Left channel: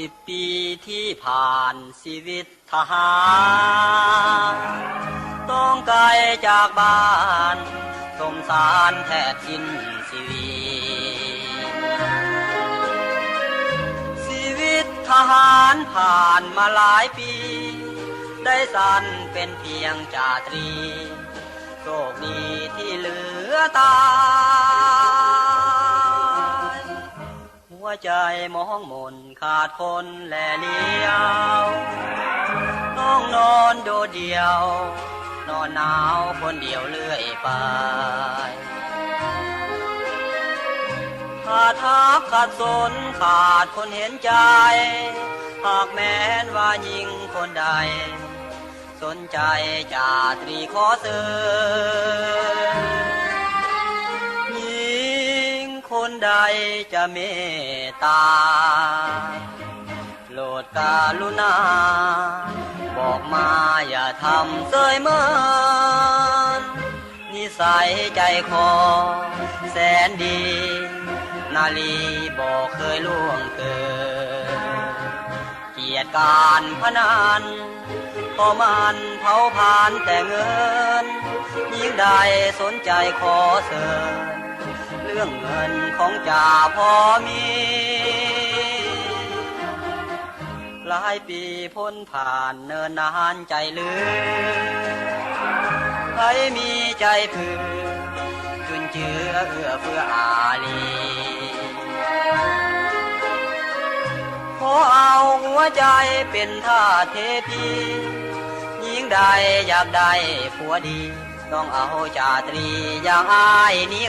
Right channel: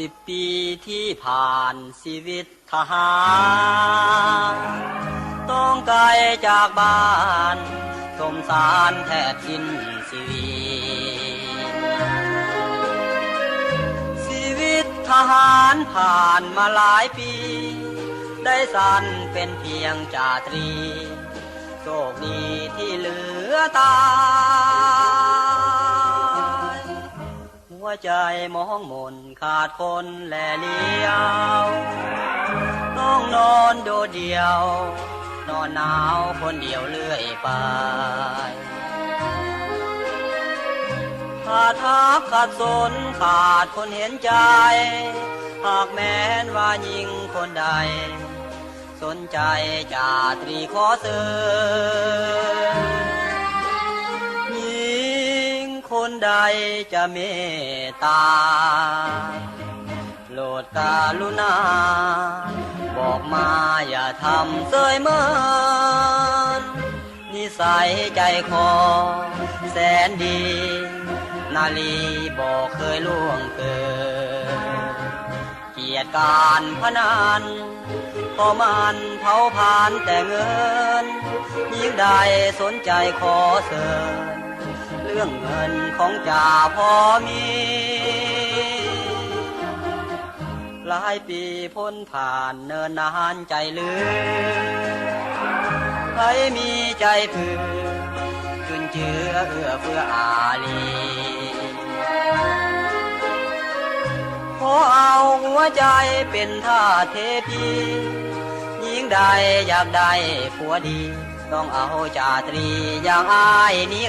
10 ปีที่ผ่านชีวิตทหารต้องไกลจากบ้านสมสารแทบสิ้นชีวิตชีวิตทหารผ่านมาหลายปีได้สั้นเป็นเพียงจ่าตรีโชคดีที่เหลือตายหัวใจมองมนขาดคนแลเลี้ยวต้องนอนโดดเดี่ยวนอนหนาวคนเดียวเลื่อยไปขาดทักขาดสนขาดคนเห็นใจหากแม้นว่ายิ่งคนใดสนใจจ่าตรีขอเตือนยิ่งคนใดจะเมตตาโปรดกรุณาบอกมาอย่าทำเสยเมินนิสัยใจคอแสนดีนาลีบอกเคยล่วงเกินเกียรติการพนันพอมันเผาผ่านแต่เงินยิ่งใดสนใจขอเสริญเรื่องเงินของจ่าพอมีหลายปีพ้นผ่านเนินนานใจลืมใครมีใจเผื่อจุนเจือเอื้อเฟื้ออารีขอเอาหัวใจเป็นท่าเทพียิ่งใดอยากได้ผัวดีต้องเอาจ่าตรีอย่างอ้ายนี่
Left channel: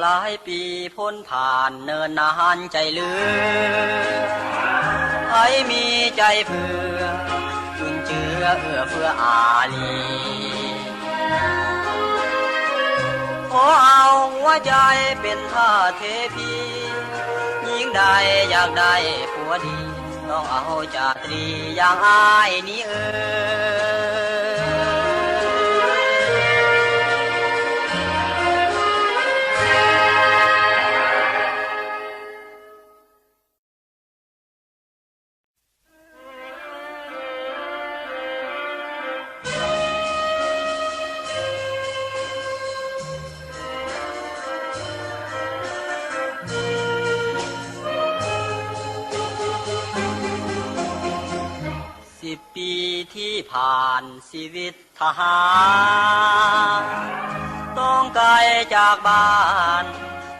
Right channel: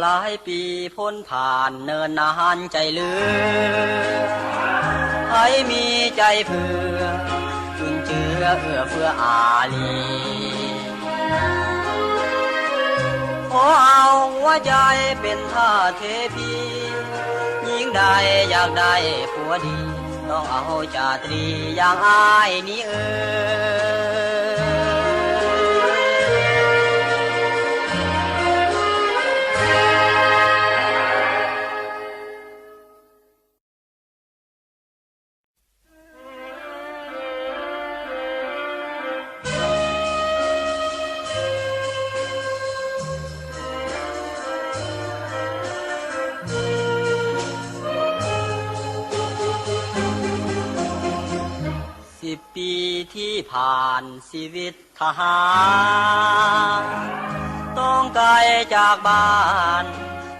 หลายปีพ้นผ่านเนินนานใจลืมให้มีใจเผื่อจุนเจือเอื้อเฟื้ออารีขอเอาหัวใจเป็นท่าเทพียิ่งใดอยากได้ผัวดีต้องเอาจ่าตรีอย่างอ้ายนี้10 ปีที่ผ่านชีวิตทหารต้องไกลจากบ้าน